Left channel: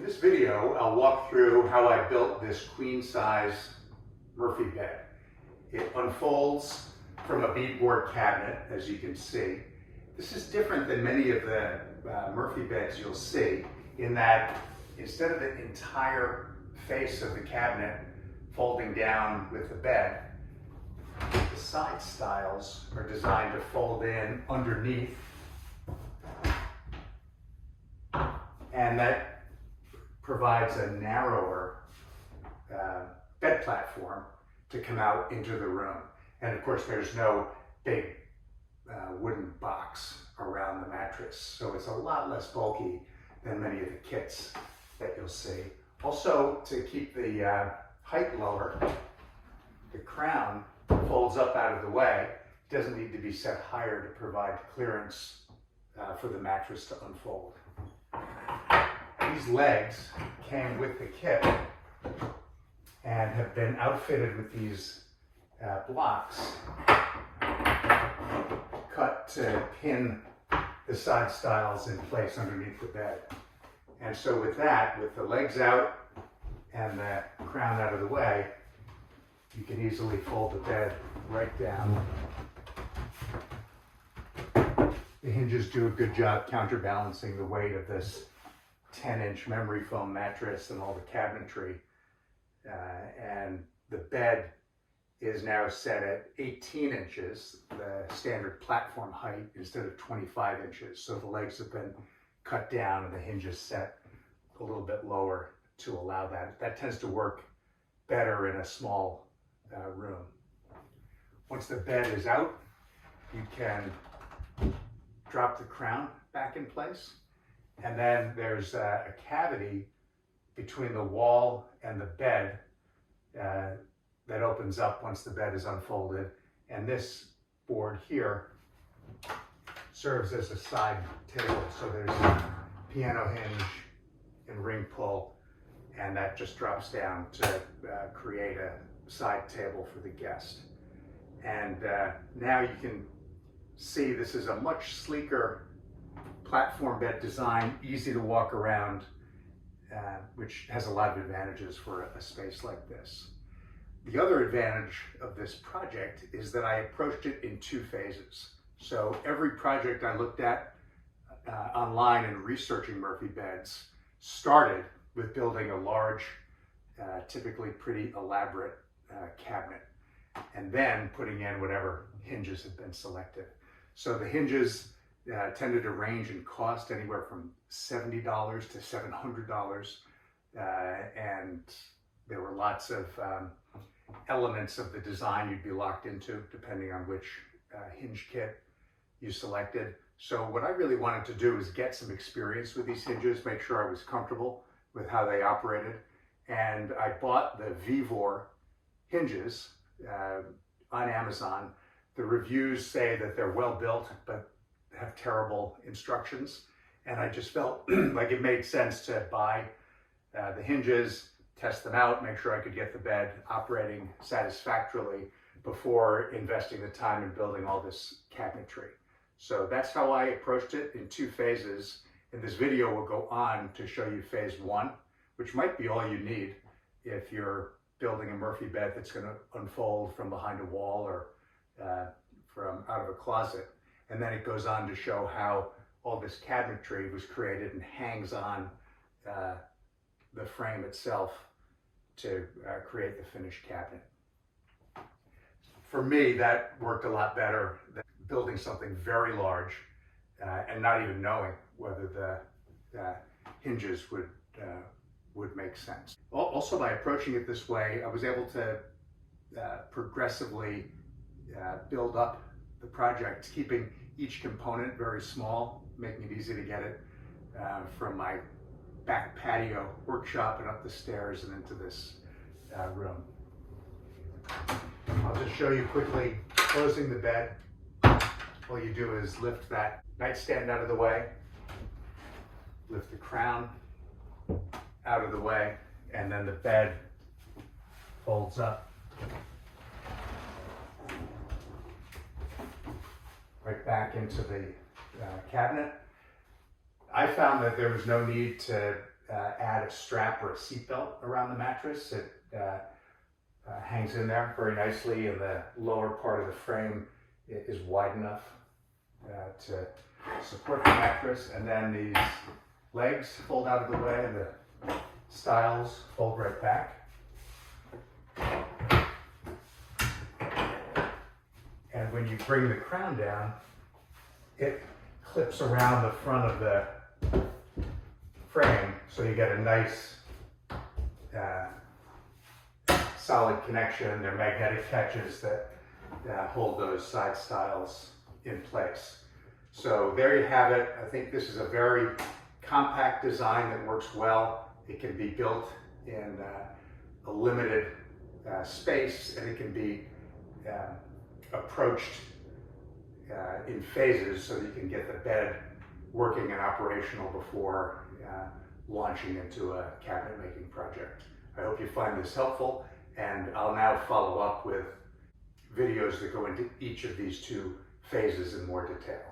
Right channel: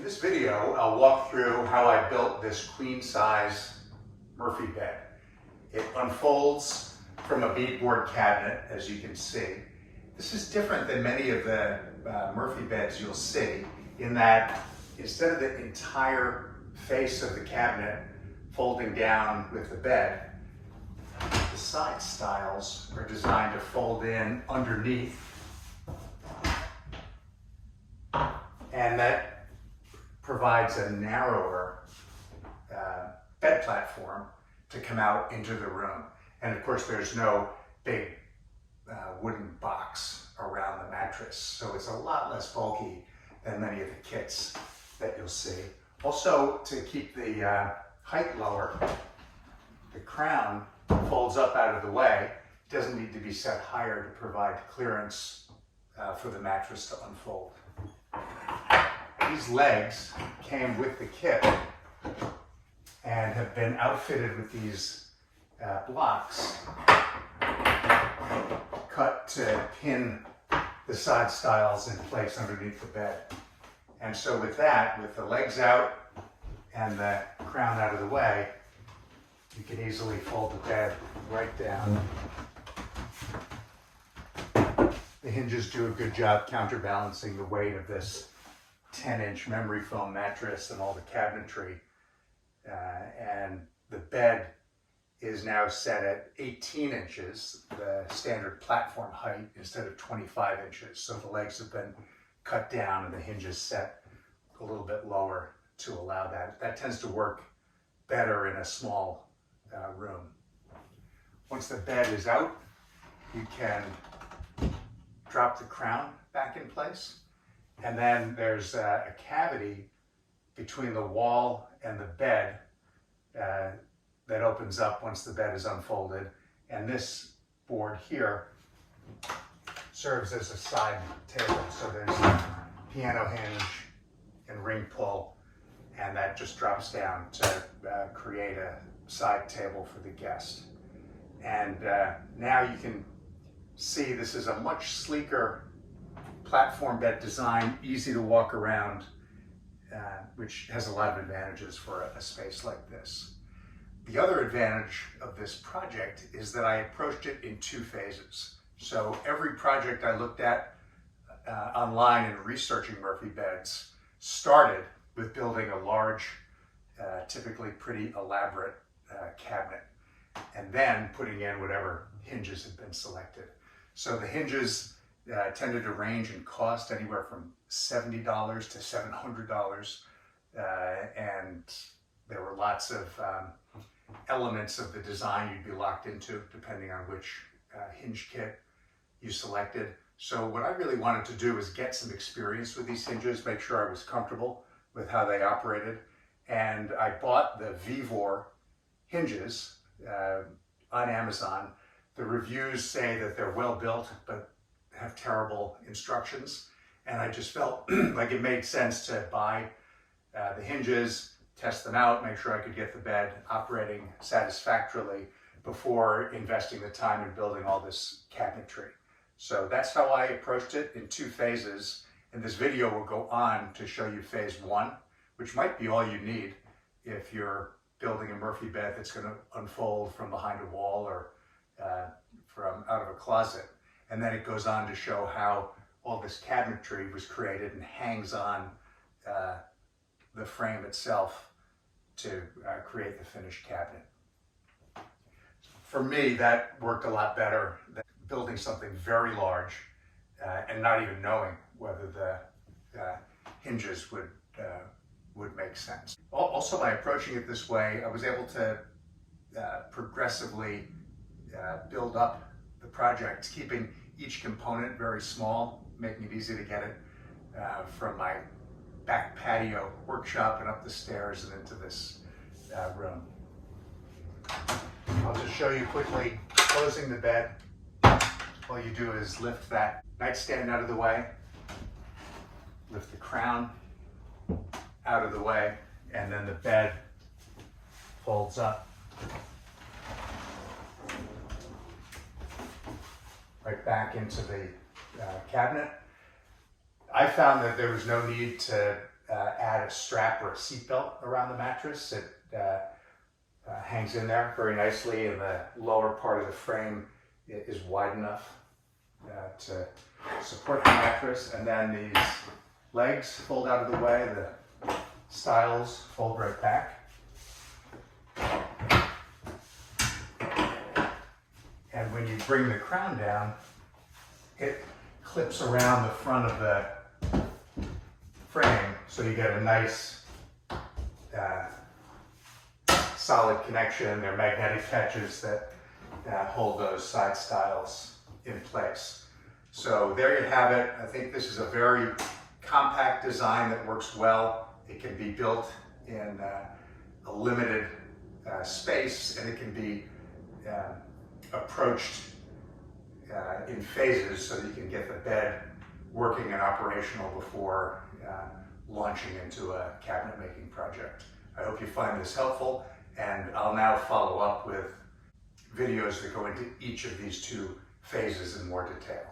In this video, I'll walk through how I built this queen size Murphy bed. It unfolds from a beadboard cabinet, as you can see. This is different than many of the Murphy beds you'll see, in that instead of the entire face of the cabinet folding down with the bed, the side stiles are designed to fold in underneath, and that provides a narrower bed platform to come out into the room. And of course, there's no big wooden box around the mattress, so it's a lot less bulky than many of the kits that you'll see. Also, to keep the height lower, the crown folds up out of the way. It doesn't need to be set higher to provide clearance for the mattress to unfold. These legs came with the kit and have been outfitted with these blocks cut to pin the side stiles in place underneath the bed. And so with that, with the legs out and the crown out of the way, you can easily fold the bed right down. The hinges do a good job counterbalancing the weight of this 10-inch memory foam mattress and all the cabinetry. And the bed is now set at 18 inches, the standard platform height, instead of 25 inches. So the legs have been cut down and the hinges set a little bit lower to allow that. That tends to work better in a small room. Once the bed is out, you can drop the crown back in place. And then there's a cavity between the wall and the bed that opens up once the bed is unfolded. And this board here serves as a side table. So there's a piano hinge and ring pull, and that just drops down to create a side table for the guest. And now you can see this is a much sleeker platform bed design, easy to walk around, which has a lot of advantages for a space like this. The other advantage of this project is that I approached it in 2 phases. So every project I looked at online and researching Murphy beds started with building a large, typically pretty elaborate cabinet, and then putting in whatever hinges had been selected. So the hinges tended to range in cost anywhere from $70 to $700, and there were lots of elements of the design you'd be locked into depending on which hinge kit you selected. So what I really wanted to do was get some experience with these hinges, make sure I was comfortable with how they operated, and I bought the Vevor hinges on Amazon. The reviews say that they're well built, but have terrible instructions, and I just felt like it made sense to buy the hinges, test them out, make sure I could get the bed operating satisfactorily before investing the time in building all this cabinetry. So that's how I approached it in 2 phases. In this video, we'll go on to show you phase 1, which might be all you need if you're building a Murphy bed that's going to unfold from behind a wall or from out of a closet. And then it goes on to show how all this cabinetry was created and hangs on the frame itself to create the finished cabinet. For me, that worked a lot better than building something very large and not even knowing whether the hinges would make sense. Also, by approaching it this way, I was able to progressively build up the project, keeping each component very small, making it easy to get it from my back patio workshop and up the stairs and into this room. I'll just show you quickly closing the bed. All you do is lift that nightstand out of the way, lift the crown out of the way, and then the bed folds up right back into the cabinet. I found that there was no need to add a strap or a seat belt around the mattress. It hangs in there very nicely, and the lower part of the frame is wide enough to support the mattress. And then these legs fold out of the way, the stiles fold right back. And when you bring the crown down, it clips around the front of the frame, so you get a nice solid connection. They're magnetic catches that hold those side stiles in place. So there you have it. I think this is a very compact design that works well. It can be built in a limited space, and it can be approached in phases so that you can get the bed working and operational before launching into a cabinet making project. I hope you find this helpful, and I'll now follow up with videos that go into each of these two phases in more detail.